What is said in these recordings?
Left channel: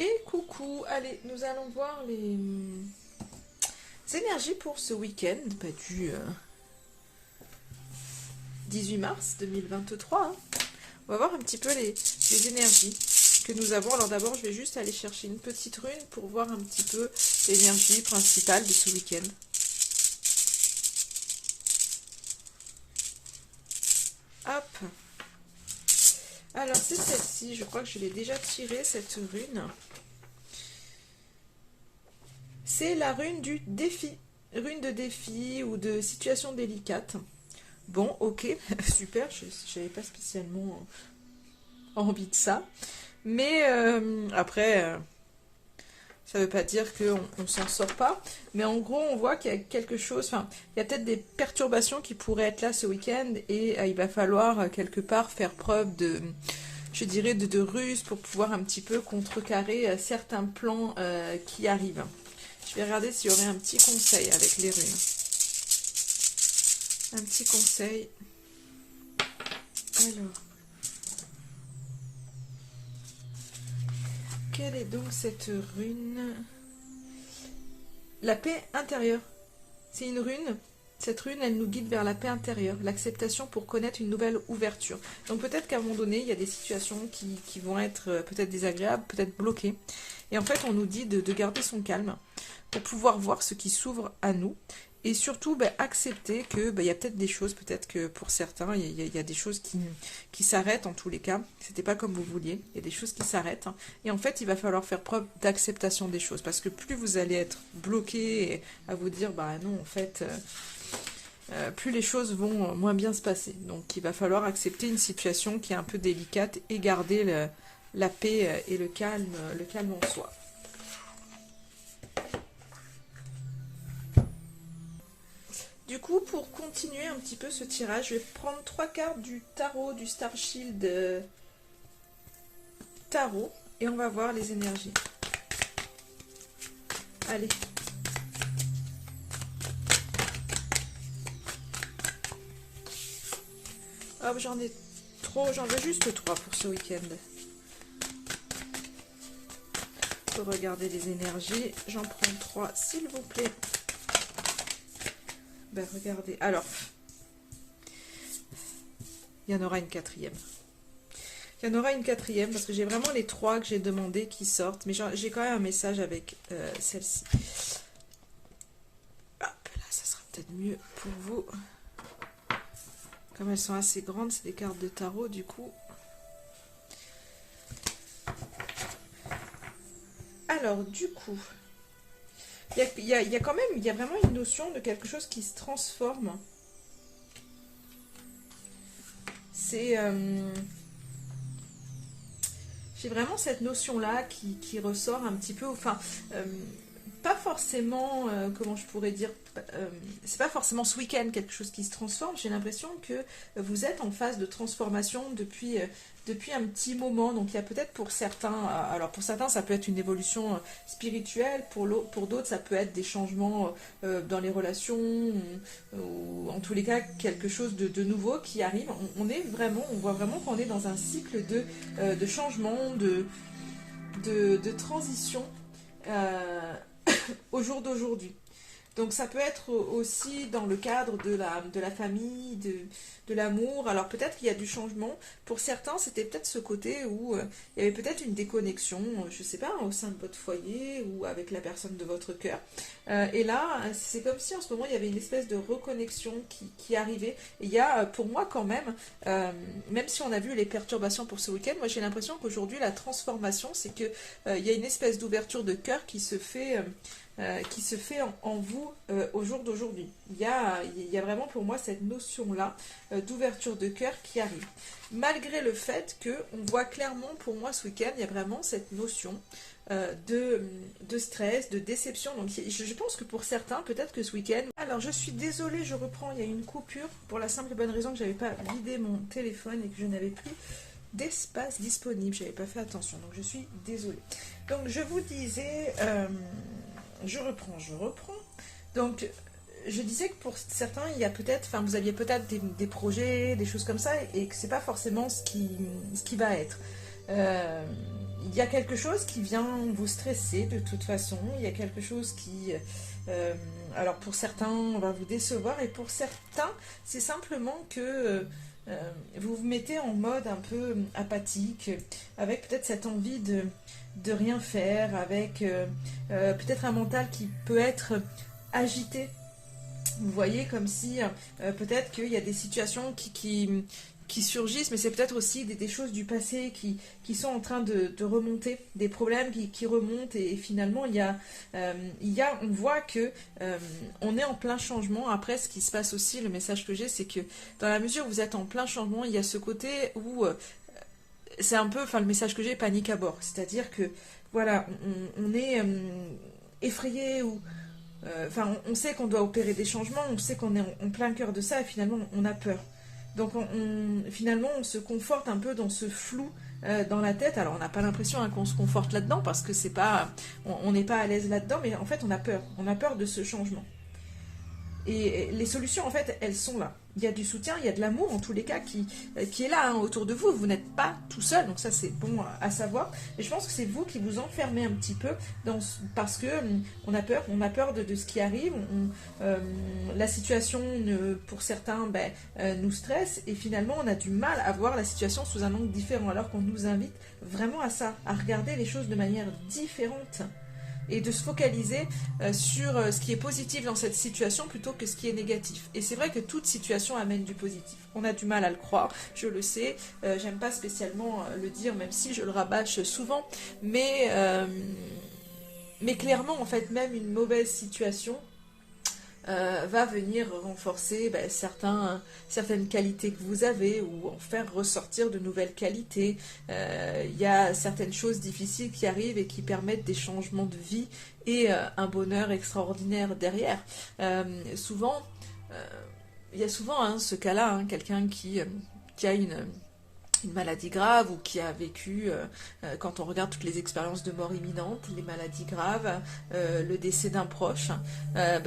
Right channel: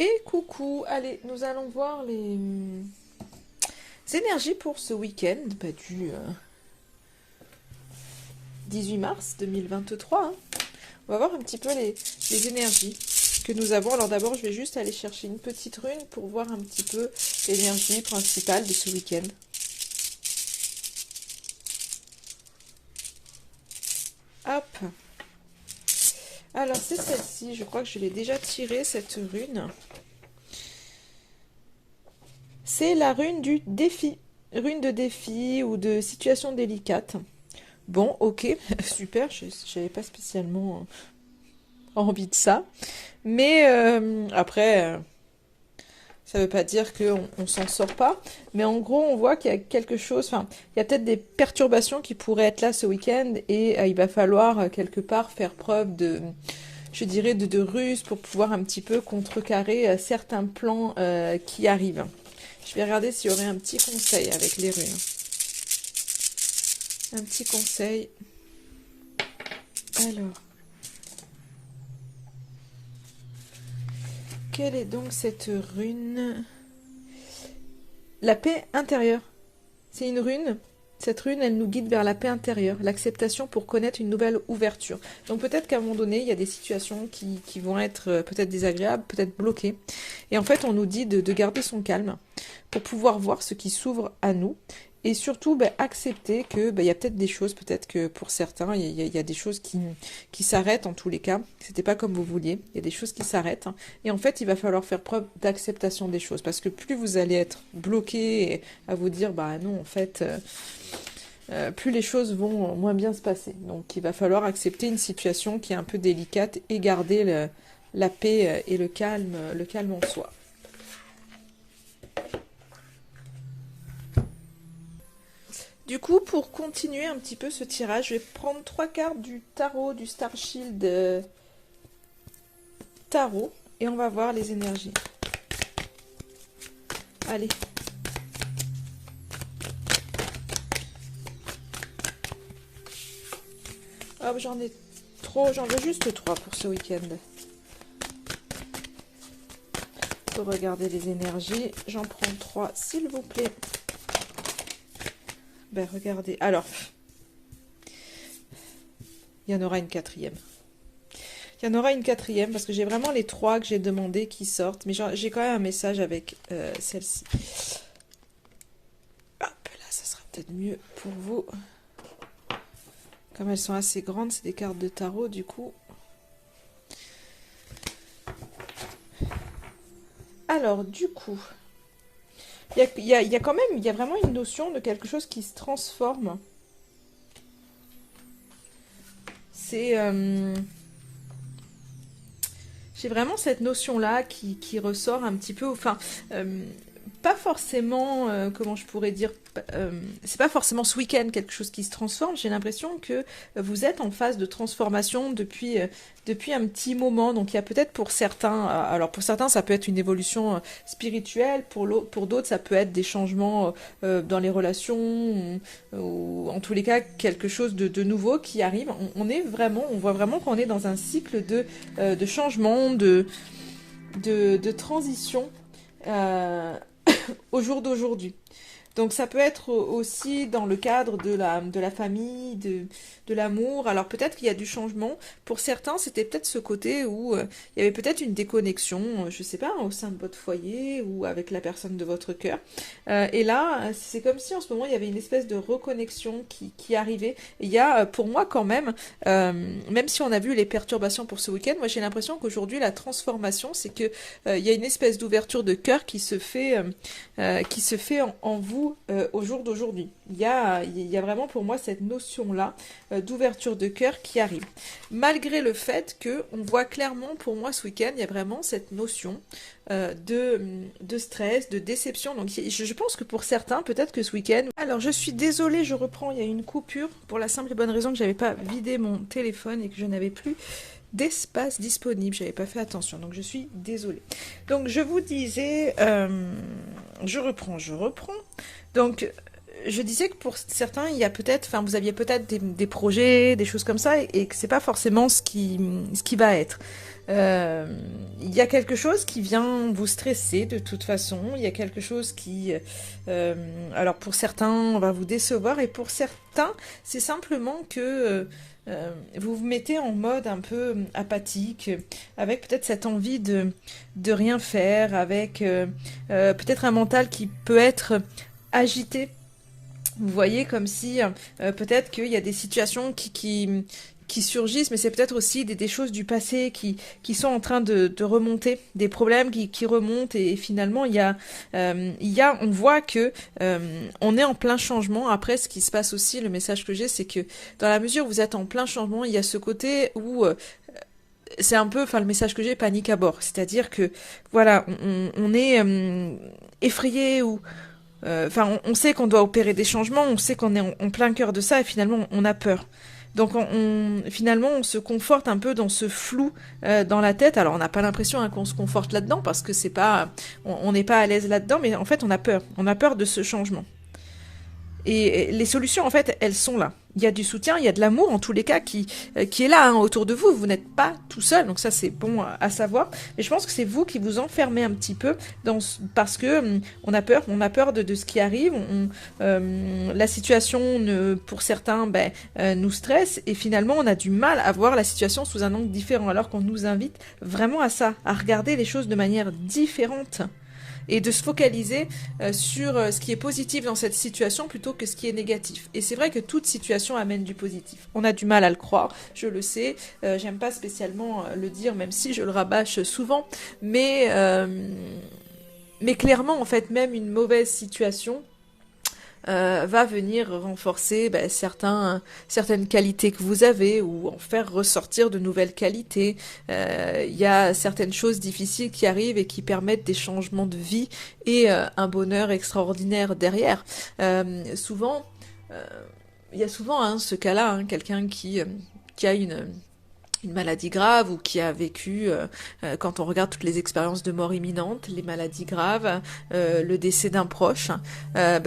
Et coucou, allez, nous allons voir les énergies pour ce week-end, du 18 mars 2023. Hein. On va voir un petit peu les énergies que nous avons. Alors d'abord, je vais juste aller chercher une petite rune pour voir un petit peu l'énergie principale de ce week-end. Hop. Alors c'est celle-ci, je crois que je l'ai déjà tirée, cette rune. C'est la rune du défi. Rune de défi ou de situation délicate. Bon, ok, super, je n'avais pas spécialement envie de ça. Mais après, ça ne veut pas dire qu'on ne s'en sort pas. Mais en gros, on voit qu'il y a quelque chose, enfin, il y a peut-être des perturbations qui pourraient être là ce week-end et il va falloir quelque part faire preuve de, je dirais, de ruse pour pouvoir un petit peu contrecarrer certains plans qui arrivent. Je vais regarder s'il y aurait un petit conseil avec les runes. Un petit conseil. Alors. Quelle est donc cette rune? La paix intérieure. C'est une rune. Cette rune, elle nous guide vers la paix intérieure, l'acceptation pour connaître une nouvelle ouverture. Donc peut-être qu'à un moment donné, il y a des situations qui vont être peut-être désagréables, peut-être bloquées. Et en fait, on nous dit de garder son calme pour pouvoir voir ce qui s'ouvre à nous. Et surtout, accepter que il y a peut-être des choses, peut-être que pour certains, il y a des choses qui s'arrêtent en tous les cas. C'était pas comme vous vouliez. Il y a des choses qui s'arrêtent. Et en fait, il va falloir faire preuve d'acceptation des choses. Parce que plus vous allez être bloqué à vous dire, non, en fait, plus les choses vont moins bien se passer. Donc, il va falloir accepter une situation qui est un peu délicate et garder la paix et le calme en soi. Du coup, pour continuer un petit peu ce tirage, je vais prendre 3 cartes du tarot, du Star Shield tarot, et on va voir les énergies. Allez. Hop, j'en ai trop, j'en veux juste 3 pour ce week-end. Pour regarder les énergies, j'en prends 3, s'il vous plaît. Regardez, alors, il y en aura une quatrième. Il y en aura une quatrième parce que j'ai vraiment les 3 que j'ai demandé qui sortent. Mais j'ai quand même un message avec celle-ci. Hop, là, ça sera peut-être mieux pour vous. Comme elles sont assez grandes, c'est des cartes de tarot, du coup. Alors, du coup, il y a quand même, il y a vraiment une notion de quelque chose qui se transforme. C'est... j'ai vraiment cette notion-là qui ressort un petit peu, enfin, pas forcément, comment je pourrais dire, c'est pas forcément ce week-end quelque chose qui se transforme, j'ai l'impression que vous êtes en phase de transformation depuis un petit moment, donc il y a peut-être pour certains, alors pour certains ça peut être une évolution spirituelle, pour d'autres ça peut être des changements dans les relations, ou en tous les cas quelque chose de nouveau qui arrive, on voit vraiment qu'on est dans un cycle de changement, de transition au jour d'aujourd'hui. Donc ça peut être aussi dans le cadre de la famille, de l'amour. Alors peut-être qu'il y a du changement. Pour certains, c'était peut-être ce côté où il y avait peut-être une déconnexion, je sais pas, au sein de votre foyer ou avec la personne de votre cœur. Et là, c'est comme si en ce moment, il y avait une espèce de reconnexion qui arrivait. Et il y a, pour moi quand même, même si on a vu les perturbations pour ce week-end, moi j'ai l'impression qu'aujourd'hui, la transformation, c'est que il y a une espèce d'ouverture de cœur qui se fait en vous au jour d'aujourd'hui. Il y a vraiment pour moi cette notion-là d'ouverture de cœur qui arrive. Malgré le fait qu'on voit clairement pour moi ce week-end, il y a vraiment cette notion de stress, de déception. Donc je pense que pour certains, peut-être que ce week-end... Alors je suis désolée, je reprends, il y a une coupure pour la simple et bonne raison que j'avais pas vidé mon téléphone et que je n'avais plus d'espace disponible. J'avais pas fait attention, donc je suis désolée. Donc je vous disais, je reprends. Donc je disais que pour certains, il y a peut-être, enfin, vous aviez peut-être des projets, des choses comme ça, et que c'est pas forcément ce qui va être. Euh, il y a quelque chose qui vient vous stresser de toute façon. Il y a quelque chose qui, euh, alors pour certains, on va vous décevoir, et pour certains, c'est simplement que vous vous mettez en mode un peu apathique, avec peut-être cette envie de rien faire, avec peut-être un mental qui peut être agité. Vous voyez, comme si peut-être qu'il y a des situations qui surgissent, mais c'est peut-être aussi des choses du passé qui sont en train de remonter, des problèmes qui remontent, et finalement, on voit que on est en plein changement. Après, ce qui se passe aussi, le message que j'ai, c'est que dans la mesure où vous êtes en plein changement, il y a ce côté où c'est un peu, enfin, le message que j'ai, panique à bord. C'est-à-dire que, voilà, on est effrayé ou enfin, on sait qu'on doit opérer des changements, on sait qu'on est en plein cœur de ça, et finalement, on a peur. Donc, finalement, on se conforte un peu dans ce flou dans la tête. Alors, on n'a pas l'impression qu'on se conforte là-dedans, parce que c'est pas, on n'est pas à l'aise là-dedans, mais en fait, on a peur. On a peur de ce changement. Et les solutions, en fait, elles sont là. Il y a du soutien, il y a de l'amour, en tous les cas, qui est là, hein, autour de vous. Vous n'êtes pas tout seul, donc ça, c'est bon à savoir. Et je pense que c'est vous qui vous enfermez un petit peu parce que on a peur de ce qui arrive. La situation, pour certains, nous stresse, et finalement, on a du mal à voir la situation sous un angle différent, alors qu'on nous invite vraiment à ça, à regarder les choses de manière différente, et de se focaliser sur ce qui est positif dans cette situation plutôt que ce qui est négatif. Et c'est vrai que toute situation amène du positif. On a du mal à le croire, je le sais, j'aime pas spécialement le dire, même si je le rabâche souvent, mais clairement, en fait, même une mauvaise situation va venir renforcer certaines qualités que vous avez, ou en faire ressortir de nouvelles qualités. Il y a certaines choses difficiles qui arrivent et qui permettent des changements de vie et un bonheur extraordinaire derrière. Souvent, euh, il y a souvent ce cas-là, hein, quelqu'un qui a une maladie grave, ou qui a vécu, quand on regarde toutes les expériences de mort imminente, les maladies graves, le décès d'un proche,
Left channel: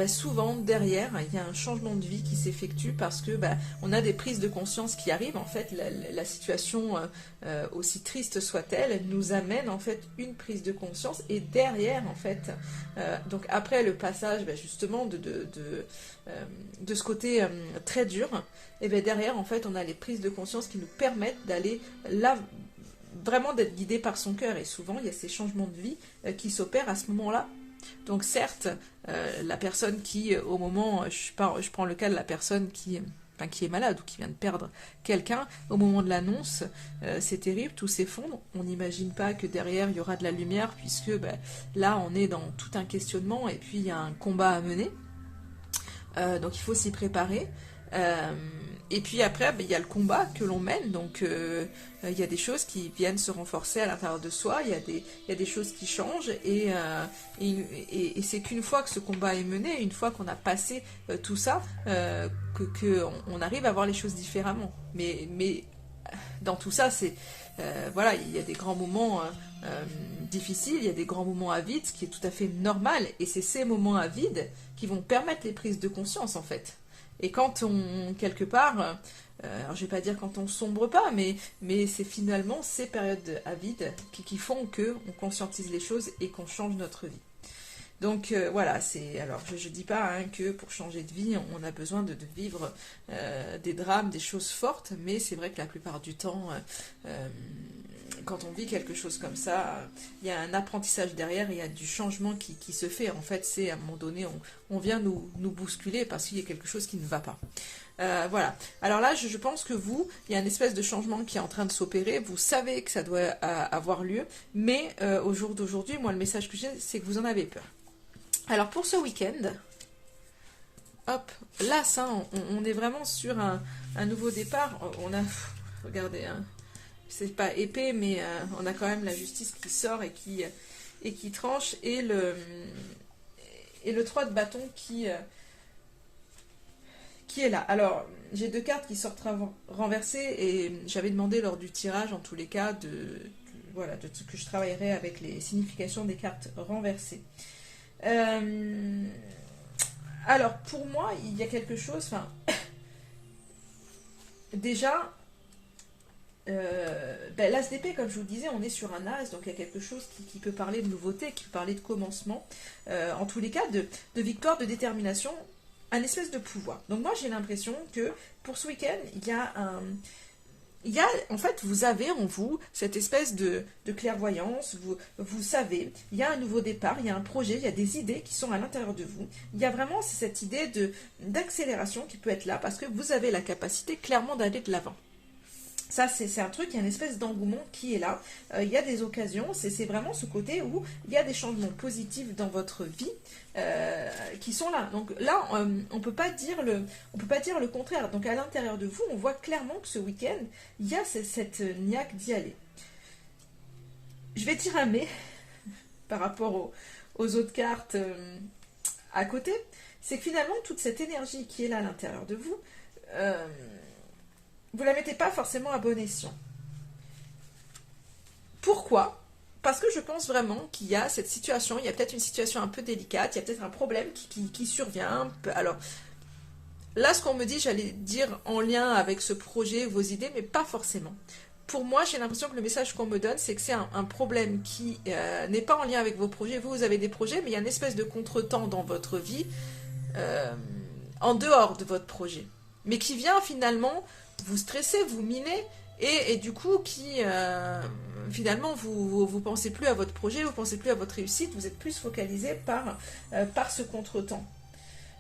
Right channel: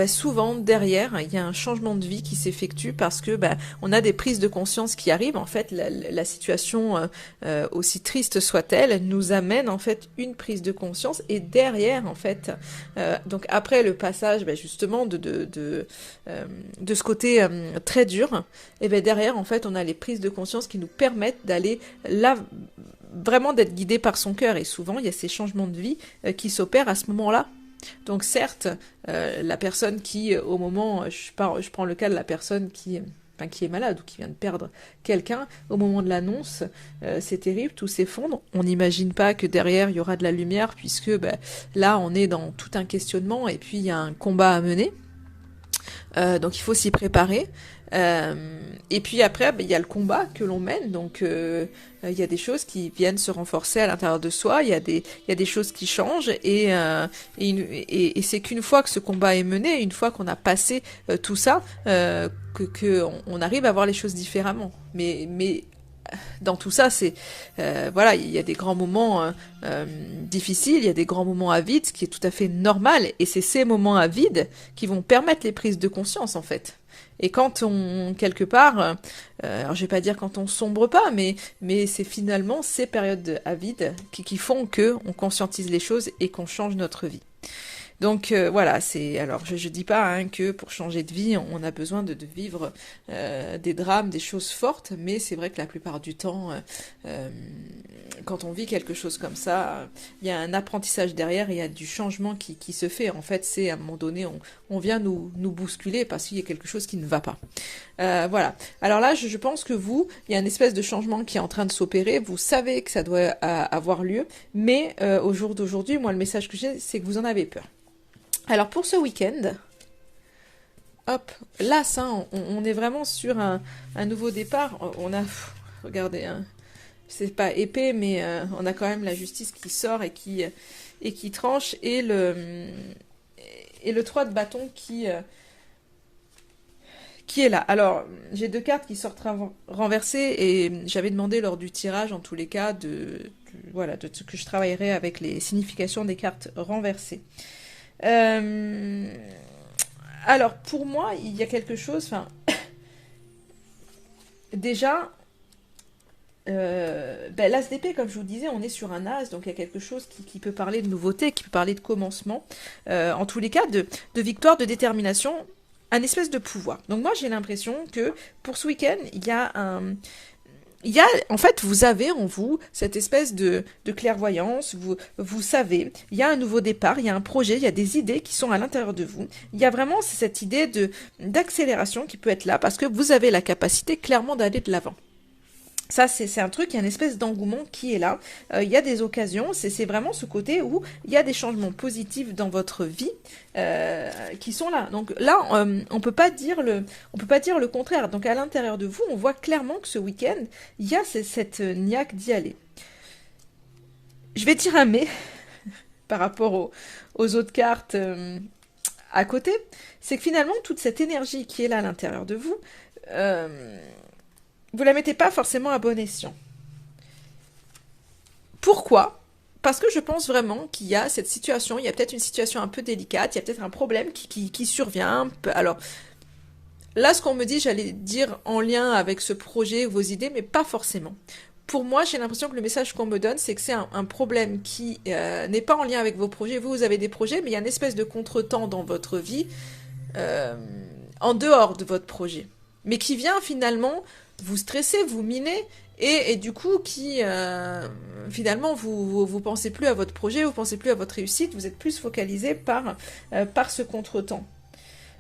souvent derrière il y a un changement de vie qui s'effectue, parce que on a des prises de conscience qui arrivent. En fait, la situation, aussi triste soit-elle, nous amène en fait une prise de conscience, et derrière, en fait, donc après le passage, justement de ce côté très dur, et bien derrière, en fait, on a les prises de conscience qui nous permettent d'aller là, vraiment d'être guidé par son cœur. Et souvent, il y a ces changements de vie qui s'opèrent à ce moment-là. Donc certes, la personne qui, au moment, je prends le cas de la personne qui est malade, ou qui vient de perdre quelqu'un, au moment de l'annonce, c'est terrible, tout s'effondre. On n'imagine pas que derrière, il y aura de la lumière, puisque là, on est dans tout un questionnement, et puis il y a un combat à mener. Donc il faut s'y préparer. Euh, et puis après, il y a le combat que l'on mène, donc il y a des choses qui viennent se renforcer à l'intérieur de soi, il y a des choses qui changent, et c'est qu'une fois que ce combat est mené, une fois qu'on a passé tout ça, on arrive à voir les choses différemment. Mais dans tout ça, voilà, il y a des grands moments difficiles, il y a des grands moments à vide, ce qui est tout à fait normal, et c'est ces moments à vide qui vont permettre les prises de conscience, en fait. Et quand on, quelque part, alors je vais pas dire quand on sombre pas, mais c'est finalement ces périodes à vide qui font que on conscientise les choses et qu'on change notre vie. Donc voilà, alors je dis pas, hein, que pour changer de vie, on a besoin de vivre des drames, des choses fortes, mais c'est vrai que la plupart du temps, euh, quand on vit quelque chose comme ça, il y a un apprentissage derrière, il y a du changement qui se fait. En fait, c'est à un moment donné, on vient nous bousculer parce qu'il y a quelque chose qui ne va pas. Voilà. Alors là, je pense que il y a une espèce de changement qui est en train de s'opérer. Vous savez que ça doit avoir lieu, mais au jour d'aujourd'hui, moi, le message que j'ai, c'est que vous en avez peur. Alors pour ce week-end, hop, là, ça, on est vraiment sur un nouveau départ. On a, regardez, hein, c'est pas épais, mais on a quand même la justice qui sort et qui tranche, et le 3 de bâton qui est là. Alors, j'ai deux cartes qui sortent renversées, et j'avais demandé lors du tirage, en tous les cas, voilà, de ce que je travaillerais avec les significations des cartes renversées. Euh, Alors, pour moi, il y a quelque chose, enfin, déjà, l'as d'épée, comme je vous disais, on est sur un as, donc il y a quelque chose qui peut parler de nouveauté, qui peut parler de commencement, en tous les cas, de victoire, de détermination, un espèce de pouvoir. Donc moi, j'ai l'impression que pour ce week-end, en fait, vous avez en vous cette espèce de clairvoyance, vous savez, il y a un nouveau départ, il y a un projet, il y a des idées qui sont à l'intérieur de vous. Il y a vraiment cette idée d'accélération qui peut être là parce que vous avez la capacité clairement d'aller de l'avant. Ça, c'est un truc, il y a une espèce d'engouement qui est là. Il y a des occasions, c'est vraiment ce côté où il y a des changements positifs dans votre vie qui sont là. Donc là, on peut pas dire le contraire. Donc à l'intérieur de vous, on voit clairement que ce week-end, il y a cette niaque d'y aller. Je vais dire un mais par rapport aux autres cartes à côté. C'est que finalement, toute cette énergie qui est là à l'intérieur de vous, euh, vous la mettez pas forcément à bon escient. Pourquoi? Parce que je pense vraiment qu'il y a cette situation, il y a peut-être une situation un peu délicate, il y a peut-être un problème qui survient. Alors là, ce qu'on me dit, j'allais dire en lien avec ce projet, vos idées, mais pas forcément. Pour moi, j'ai l'impression que le message qu'on me donne, c'est que c'est un problème qui n'est pas en lien avec vos projets. Vous avez des projets, mais il y a une espèce de contretemps dans votre vie euh, en dehors de votre projet, mais qui vient finalement vous stresser, vous miner, et du coup qui finalement vous pensez plus à votre projet, vous pensez plus à votre réussite, vous êtes plus focalisé par ce contretemps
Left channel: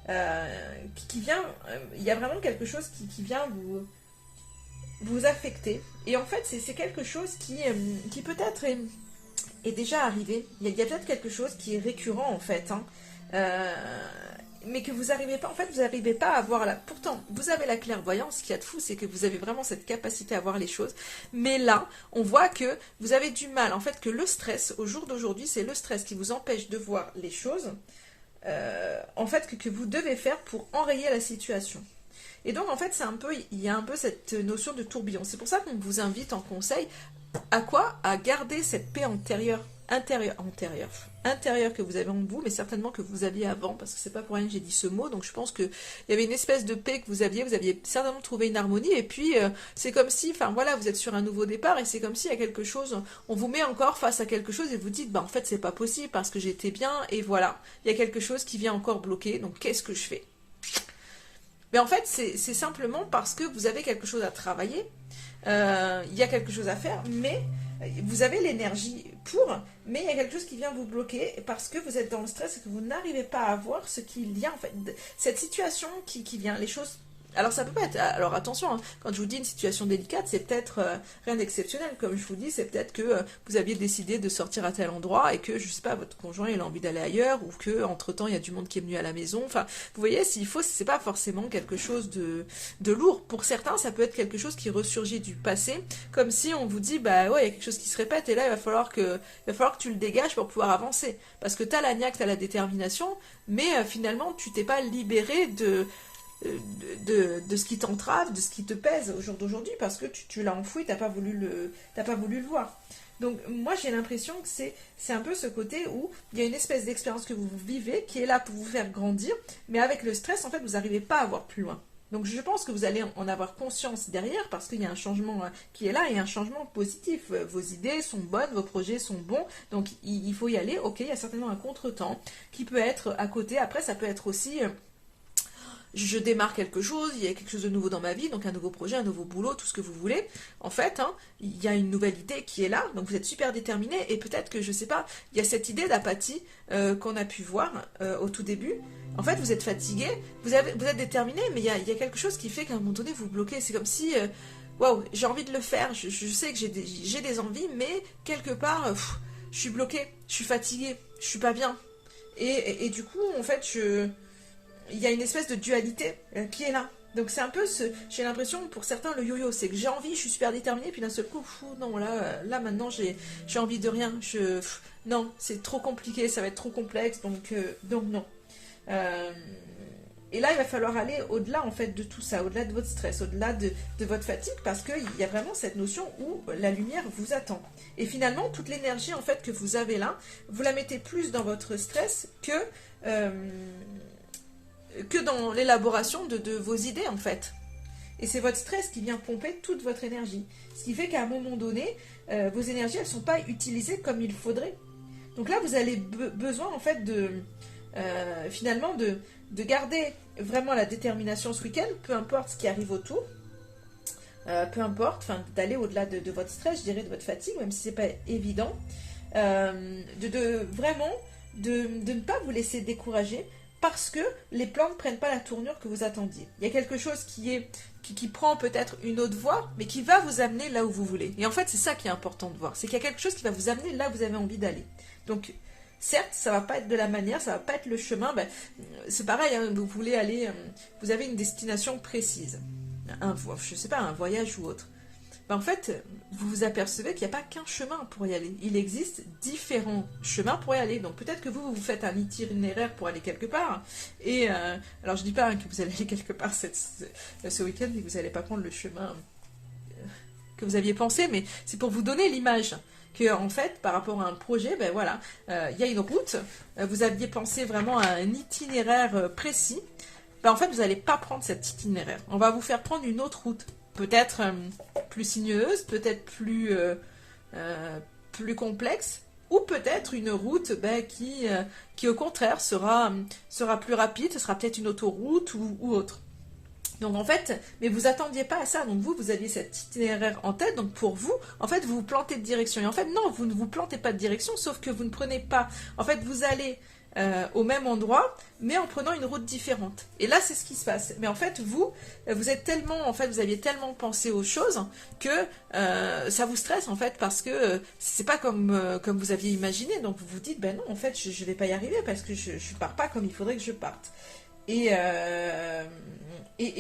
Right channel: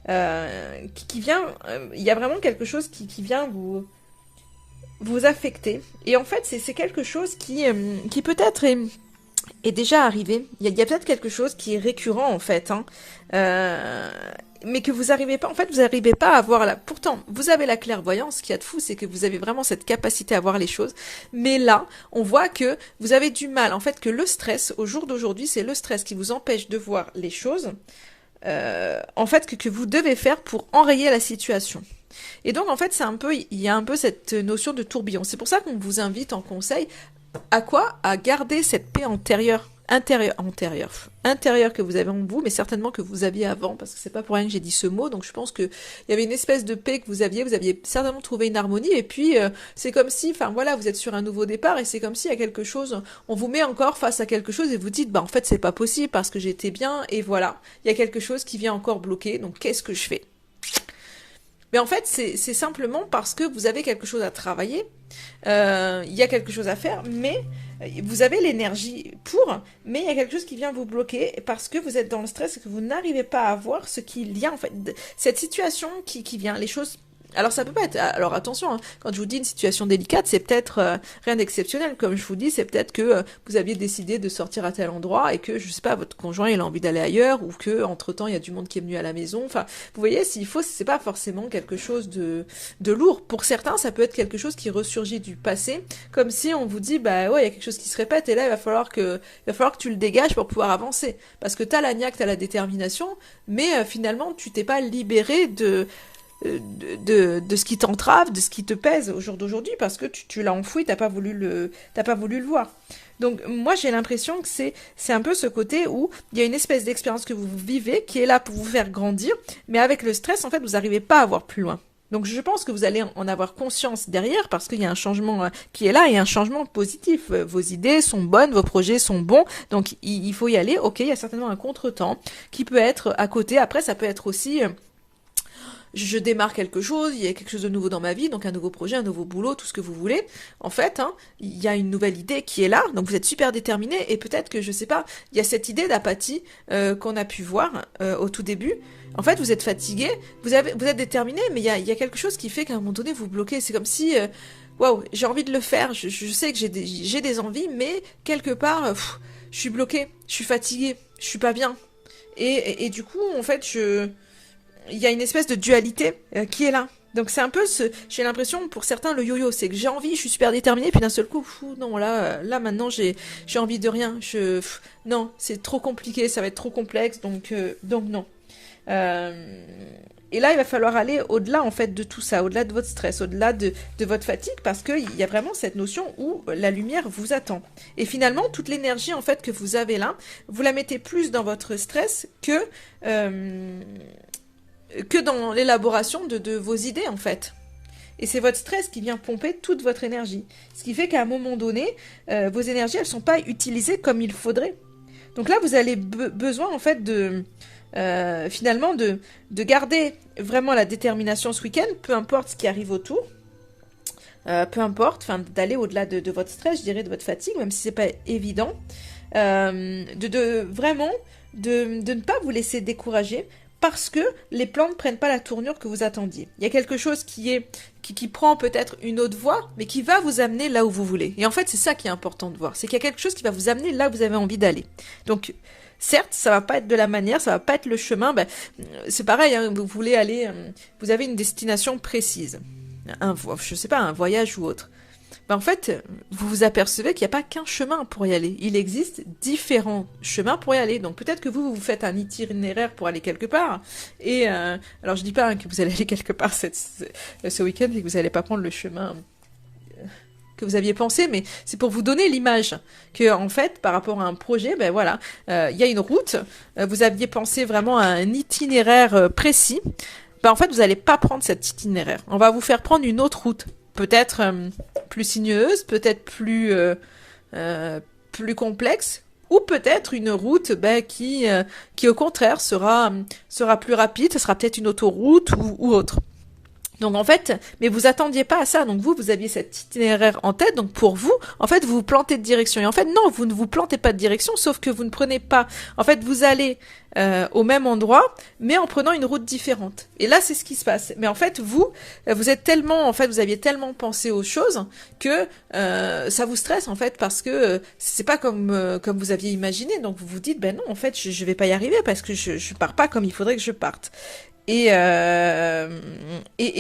qui vient, il y a vraiment quelque chose qui vient vous affecter, et en fait c'est quelque chose qui peut-être est déjà arrivé. Il y a peut-être quelque chose qui est récurrent en fait, hein. Euh, mais que vous n'arrivez pas, en fait, vous n'arrivez pas à voir là. Pourtant, vous avez la clairvoyance. Ce qu'il y a de fou, c'est que vous avez vraiment cette capacité à voir les choses. Mais là, on voit que vous avez du mal. En fait, que le stress, au jour d'aujourd'hui, c'est le stress qui vous empêche de voir les choses. En fait, que vous devez faire pour enrayer la situation. Et donc, en fait, il y a un peu cette notion de tourbillon. C'est pour ça qu'on vous invite en conseil à quoi? À garder cette paix intérieure que vous avez en vous, mais certainement que vous aviez avant, parce que c'est pas pour rien que j'ai dit ce mot, donc je pense que il y avait une espèce de paix que vous aviez certainement trouvé une harmonie, et puis c'est comme si, enfin voilà, vous êtes sur un nouveau départ, et c'est comme s'il y a quelque chose, on vous met encore face à quelque chose, et vous dites, bah en fait c'est pas possible, parce que j'étais bien, et voilà, il y a quelque chose qui vient encore bloquer, donc qu'est-ce que je fais? Mais en fait, c'est simplement parce que vous avez quelque chose à travailler, il y a quelque chose à faire, mais vous avez l'énergie pour, mais il y a quelque chose qui vient vous bloquer parce que vous êtes dans le stress et que vous n'arrivez pas à voir ce qu'il y a, en fait, cette situation qui vient, les choses. Alors ça peut pas être. Alors attention, hein, quand je vous dis une situation délicate, c'est peut-être rien d'exceptionnel. Comme je vous dis, c'est peut-être que vous aviez décidé de sortir à tel endroit et que je sais pas, votre conjoint il a envie d'aller ailleurs ou que entre temps il y a du monde qui est venu à la maison. Enfin, vous voyez, s'il faut, c'est pas forcément quelque chose de lourd. Pour certains, ça peut être quelque chose qui ressurgit du passé, comme si on vous dit bah ouais, il y a quelque chose qui se répète et là il va falloir que tu le dégages pour pouvoir avancer. Parce que t'as la niaque, t'as la détermination, mais finalement tu t'es pas libéré de ce qui t'entrave, de ce qui te pèse au jour d'aujourd'hui, parce que tu l'as enfoui, t'as pas voulu le voir. Donc moi j'ai l'impression que c'est un peu ce côté où il y a une espèce d'expérience que vous vivez qui est là pour vous faire grandir, mais avec le stress en fait vous n'arrivez pas à voir plus loin. Donc je pense que vous allez en avoir conscience derrière parce qu'il y a un changement qui est là et un changement positif. Vos idées sont bonnes, vos projets sont bons, donc il faut y aller. Ok, il y a certainement un contretemps qui peut être à côté. Après ça peut être aussi je démarre quelque chose, il y a quelque chose de nouveau dans ma vie, donc un nouveau projet, un nouveau boulot, tout ce que vous voulez. En fait, hein, il y a une nouvelle idée qui est là, donc vous êtes super déterminé, et peut-être que, je sais pas, il y a cette idée d'apathie qu'on a pu voir au tout début. En fait, vous êtes fatigué, vous êtes déterminé, mais il y a quelque chose qui fait qu'à un moment donné, vous bloquez. C'est comme si, waouh, j'ai envie de le faire, je sais que j'ai des envies, mais quelque part, je suis bloqué, je suis fatigué, je suis pas bien. Et du coup, en fait, il y a une espèce de dualité qui est là. Donc c'est un peu j'ai l'impression pour certains le yo-yo, c'est que j'ai envie, je suis super déterminée, puis d'un seul coup, non là maintenant j'ai envie de rien, non c'est trop compliqué, ça va être trop complexe, donc non. Euh, et là il va falloir aller au-delà en fait de tout ça, au-delà de votre stress, au-delà de votre fatigue, parce qu'il y a vraiment cette notion où la lumière vous attend. Et finalement toute l'énergie en fait que vous avez là, vous la mettez plus dans votre stress que que dans l'élaboration de vos idées en fait. Et c'est votre stress qui vient pomper toute votre énergie. Ce qui fait qu'à un moment donné, vos énergies, elles ne sont pas utilisées comme il faudrait. Donc là, vous avez besoin en fait finalement de garder vraiment la détermination ce week-end, peu importe ce qui arrive autour, peu importe, d'aller au-delà de votre stress, je dirais, de votre fatigue, même si c'est pas évident, vraiment de ne pas vous laisser décourager parce que les plans ne prennent pas la tournure que vous attendiez. Il y a quelque chose qui prend peut-être une autre voie, mais qui va vous amener là où vous voulez. Et en fait, c'est ça qui est important de voir, c'est qu'il y a quelque chose qui va vous amener là où vous avez envie d'aller. Donc, certes, ça va pas être de la manière, ça va pas être le chemin. C'est pareil, hein, vous voulez aller, vous avez une destination précise, je sais pas, un voyage ou autre. En fait, vous vous apercevez qu'il n'y a pas qu'un chemin pour y aller. Il existe différents chemins pour y aller. Donc peut-être que vous faites un itinéraire pour aller quelque part. Et alors je dis pas que vous allez aller quelque part ce week-end et que vous n'allez pas prendre le chemin que vous aviez pensé, mais c'est pour vous donner l'image que en fait, par rapport à un projet, voilà, il y a une route. Vous aviez pensé vraiment à un itinéraire précis. En fait, vous n'allez pas prendre cet itinéraire. On va vous faire prendre une autre route. Peut-être plus sinueuse, peut-être plus complexe, ou peut-être une route qui au contraire sera plus rapide, ce sera peut-être une autoroute ou autre. Donc en fait, mais vous attendiez pas à ça, donc vous aviez cet itinéraire en tête, donc pour vous, en fait, vous vous plantez de direction. Et en fait, non, vous ne vous plantez pas de direction, sauf que vous ne prenez pas, en fait, vous allez au même endroit, mais en prenant une route différente. Et là, c'est ce qui se passe. Mais en fait, vous êtes tellement, en fait, vous aviez tellement pensé aux choses que ça vous stresse, en fait, parce que c'est pas comme vous aviez imaginé. Donc vous vous dites, ben non, en fait, je vais pas y arriver parce que je pars pas comme il faudrait que je parte. Et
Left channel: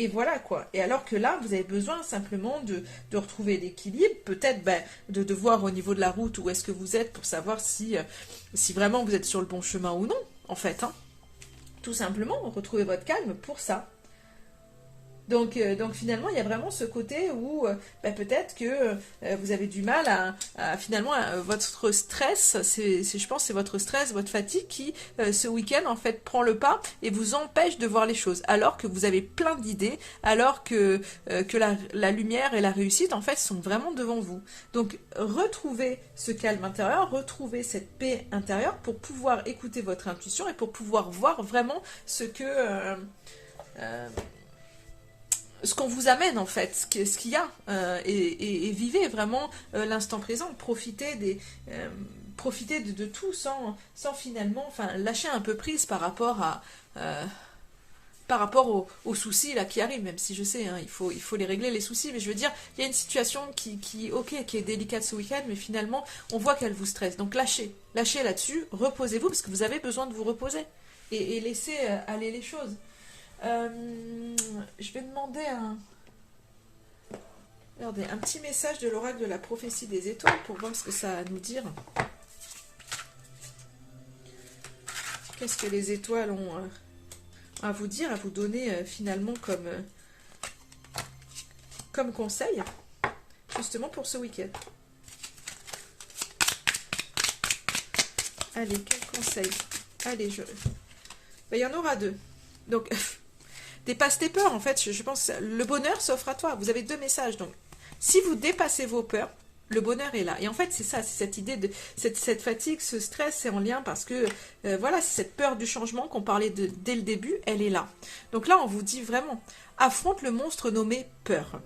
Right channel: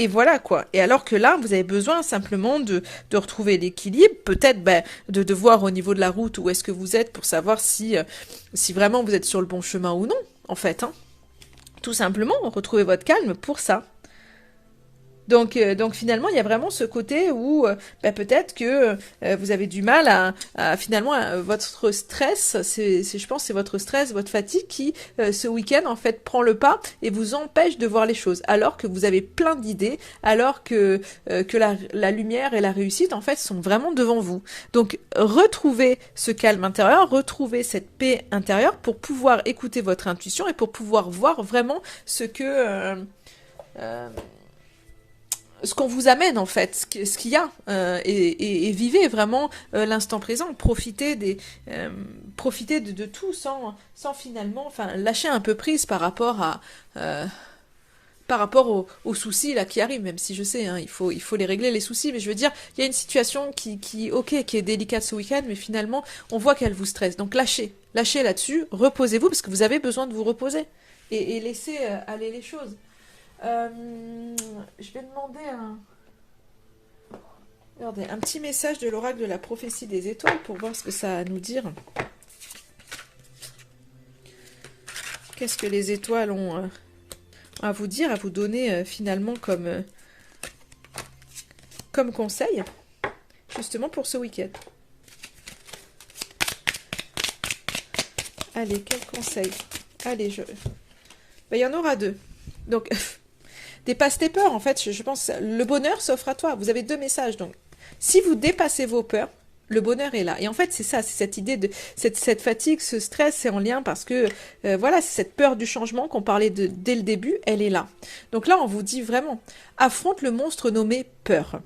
voilà quoi. Et alors que là, vous avez besoin simplement de retrouver l'équilibre, peut-être de voir au niveau de la route où est-ce que vous êtes pour savoir si vraiment vous êtes sur le bon chemin ou non, en fait. Hein. Tout simplement, retrouver votre calme pour ça. Donc finalement, il y a vraiment ce côté où peut-être que vous avez du mal à finalement votre stress, je pense c'est votre stress, votre fatigue qui ce week-end en fait prend le pas et vous empêche de voir les choses, alors que vous avez plein d'idées, alors que la lumière et la réussite en fait sont vraiment devant vous. Donc retrouvez ce calme intérieur, retrouvez cette paix intérieure pour pouvoir écouter votre intuition et pour pouvoir voir vraiment ce qu'on vous amène en fait, ce qu'il y a, et vivez vraiment l'instant présent, profitez de tout sans finalement, lâcher un peu prise par rapport aux soucis là qui arrivent, même si je sais, hein, il faut les régler les soucis, mais je veux dire, il y a une situation qui est délicate ce week-end, mais finalement, on voit qu'elle vous stresse, donc lâchez là-dessus, reposez-vous, parce que vous avez besoin de vous reposer, et laissez aller les choses. Je vais demander regardez, un petit message de l'oracle de la prophétie des étoiles pour voir ce que ça a à nous dire. Qu'est-ce que les étoiles ont à vous dire, à vous donner finalement comme conseil, justement pour ce week-end. Allez, quel conseil? Allez, il y en aura deux. Donc... Dépasse tes peurs, en fait, je pense, le bonheur s'offre à toi. Vous avez deux messages, donc. Si vous dépassez vos peurs, le bonheur est là. Et en fait, c'est ça, c'est cette idée de cette fatigue, ce stress, c'est en lien parce que, voilà, c'est cette peur du changement qu'on parlait dès le début, elle est là. Donc là, on vous dit vraiment, affronte le monstre nommé peur.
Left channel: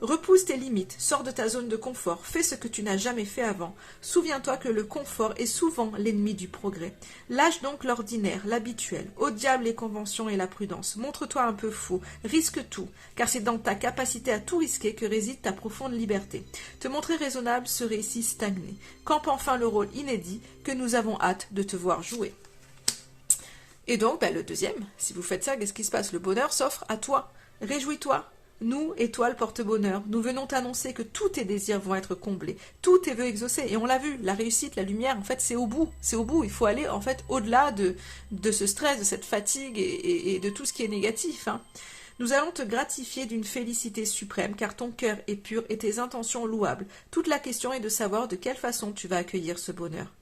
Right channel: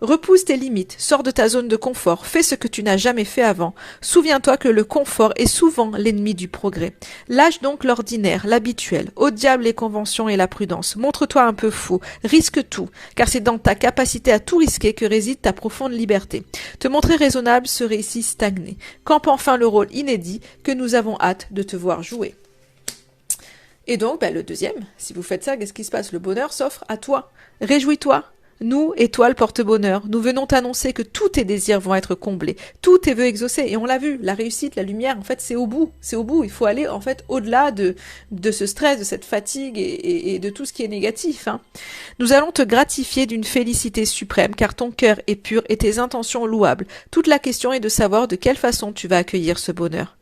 Repousse tes limites, sors de ta zone de confort, fais ce que tu n'as jamais fait avant. Souviens-toi que le confort est souvent l'ennemi du progrès. Lâche donc l'ordinaire, l'habituel, au diable les conventions et la prudence. Montre-toi un peu fou, risque tout, car c'est dans ta capacité à tout risquer que réside ta profonde liberté. Te montrer raisonnable serait ici stagner. Campe enfin le rôle inédit que nous avons hâte de te voir jouer. Et donc, le deuxième, si vous faites ça, qu'est-ce qui se passe? Le bonheur s'offre à toi. Réjouis-toi. Nous, étoiles porte-bonheur, nous venons t'annoncer que tous tes désirs vont être comblés, tous tes vœux exaucés, et on l'a vu, la réussite, la lumière, en fait, c'est au bout, il faut aller, en fait, au-delà de ce stress, de cette fatigue et de tout ce qui est négatif, hein. Nous allons te gratifier d'une félicité suprême, car ton cœur est pur et tes intentions louables. Toute la question est de savoir de quelle façon tu vas accueillir ce bonheur.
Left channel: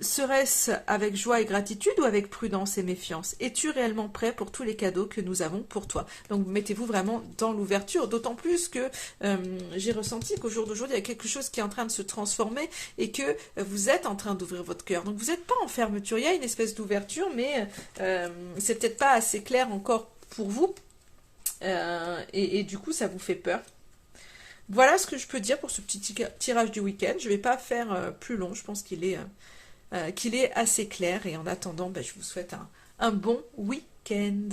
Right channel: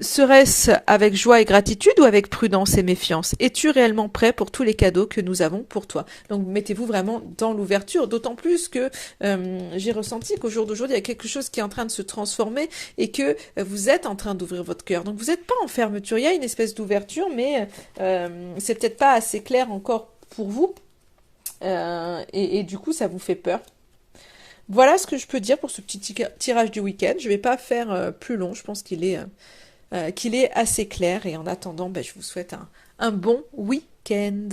Serait-ce avec joie et gratitude ou avec prudence et méfiance? Es-tu réellement prêt pour tous les cadeaux que nous avons pour toi? Donc mettez-vous vraiment dans l'ouverture, d'autant plus que j'ai ressenti qu'au jour d'aujourd'hui, il y a quelque chose qui est en train de se transformer et que vous êtes en train d'ouvrir votre cœur. Donc vous n'êtes pas en fermeture, il y a une espèce d'ouverture, mais c'est peut-être pas assez clair encore pour vous. Et du coup, ça vous fait peur. Voilà ce que je peux dire pour ce petit tirage du week-end. Je ne vais pas faire plus long, je pense qu'il est assez clair. Et en attendant, ben, je vous souhaite un bon week-end.